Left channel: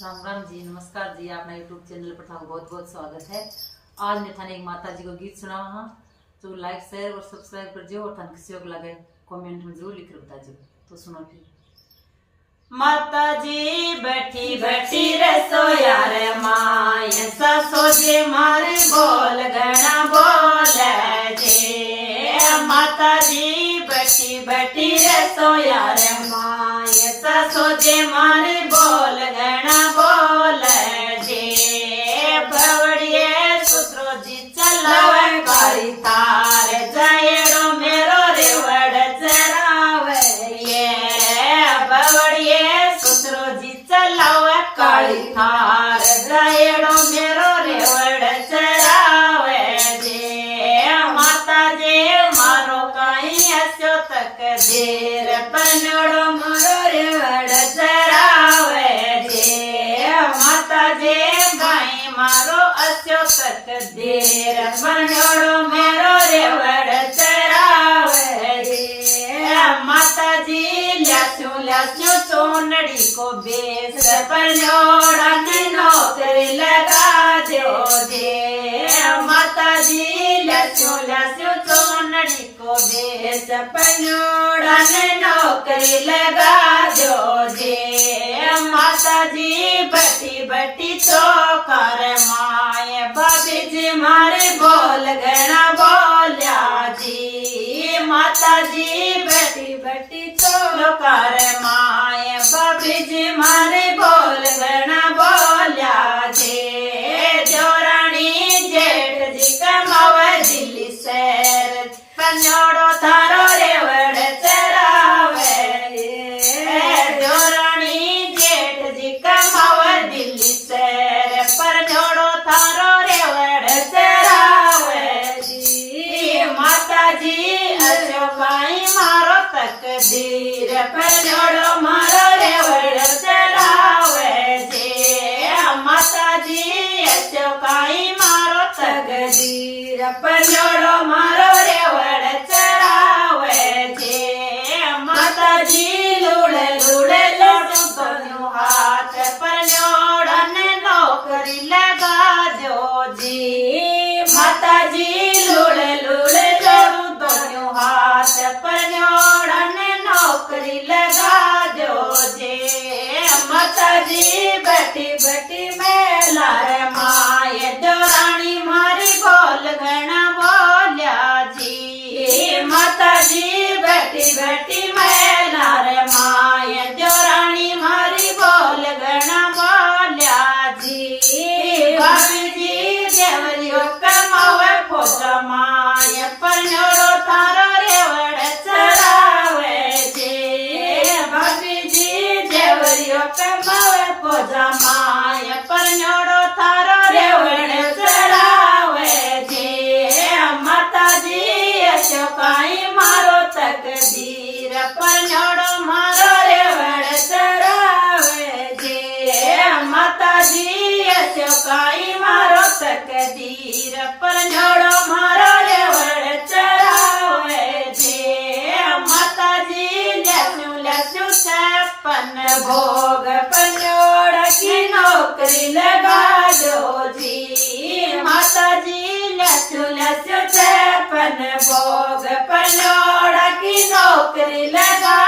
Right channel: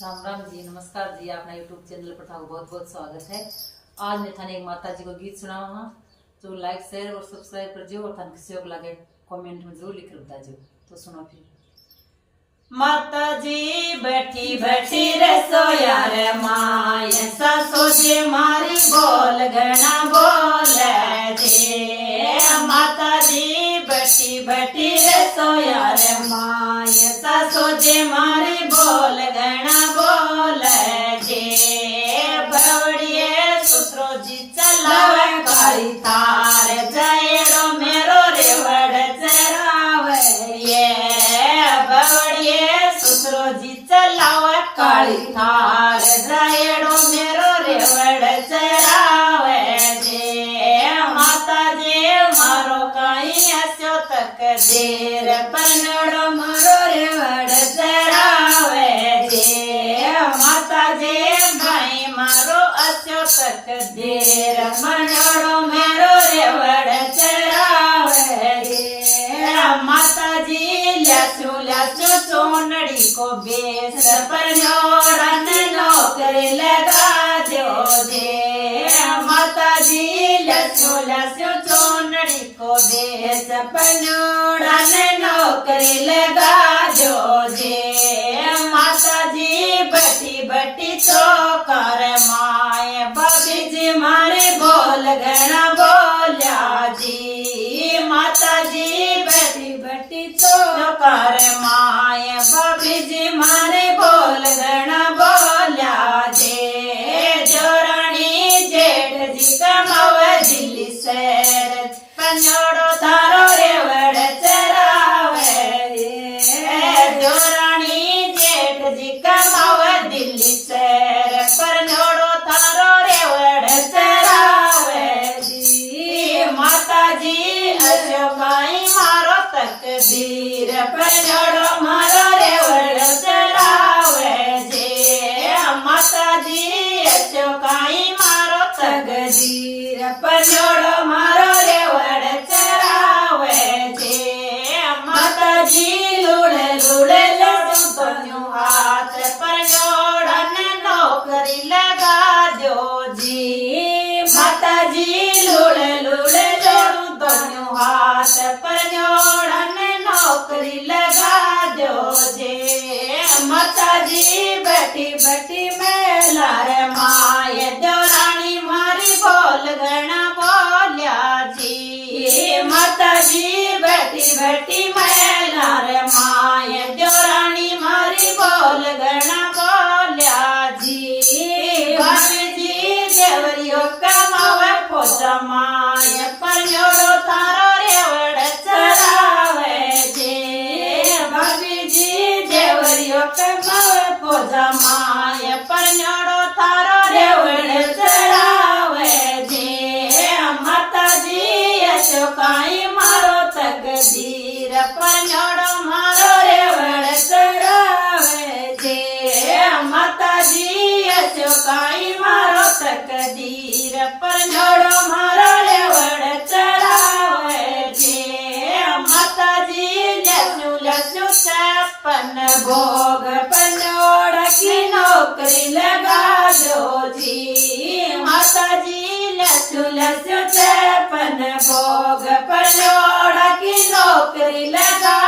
राम राम जी, नमस्कार जी। अपना YouTube channel पर था बहुत बहुत स्वागत है। आज मैं थाने एक माता जी को गीत सुनावा हाँ, तो लाइक शेयर और सब्सक्राइब कर जो और थाने किसी को लगे कमेंट में जरूर लिख कर बता जो। तो सुनो फिर। माता जी बैठी बैठी रसोया रे माय ससोजी मारी बोल गणा बोले जे। माता जी बैठी बैठी रसोया रे माय ससोजी मारी बोल गणा बोले जे। बवड़िए सुसरो जी चलावे काई तार जयड़ो मेरो रेवड़ चरावे ये। बवड़िए सुसरो जी चलावे काली थार जयड़ो मेरो रेवड़ चरावे जे। माता जे मारो काई अस्यो तक देर पनड़ो मारो रेवड़ चरावे जे। माता जे भाई मारो अस्यो तक देर पनड़ो मेरो रेवड़ चरावे जे। माता जी ल्यास्यो सोनड़ी को बेस पन्योड़न नौकरी लगा दो जे। माता जी ल्यास्यो सोनड़ी को बेस पन्योड़न नौकरी लगा दो जे। माता जी बटी बटी तो कर माए बाबी जी मारे बोल गणा बोल्या जी। माता जी बटी बटी तो कर माए बाबी जी मारे बोल गणा बोल्या जे। जोरानी जेठ जी कमाव दिल्ली शहर पन्योड़ो थारो रेवड़ चरावे। जोरानी जेठ जी कमाव दिल्ली शहर पन्योड़ो थारो रेवड़ चरावे जी। माता जी अशोकाई मारो तकदीर पन्योड़ो मारो रेवड़ चरावे जे। माता जी अशोकाई मारो तकदीर पन्योड़ो मारो रेवड़ चरावे जे। माता जी लुड़े लुड़े लड़ू दोनों हाथ पन्योड़न नौकरी लगा दो जी। माता जी लुड़े लुड़े लड़ू दोनों हाथ पन्योड़न नौकरी लगा दो जे। माता जी बैठी बैठी मेला रे माए जोरानी मारी बोल गणा बोल्या जी। माता जी बैठी बैठी मेला रे माए जोरानी मारी बोल गणा बोल्या जी। बाबी जी देवरियो कमावे पोजा माए पन्योड़ो थारो रेवड़ चरावे जे। बाबी जी देवरियो कमावे पोजा माए पन्योड़ो थारो रेवड़ चरावे जे। माता जी अशोकाई मारो तकदीर पन्योड़ो मारो रेवड़ चरावे जे। माता जी अशोकाई मारो तकदीर पन्योड़ो मारो रेवड़ चरावे जे। माता जी ल्यास्यो छप्पन भोग पन्योड़ की नौकरी लगा दो जी। माता जी ल्यास्यो छप्पन भोग पन्योड़ की नौकरी लगा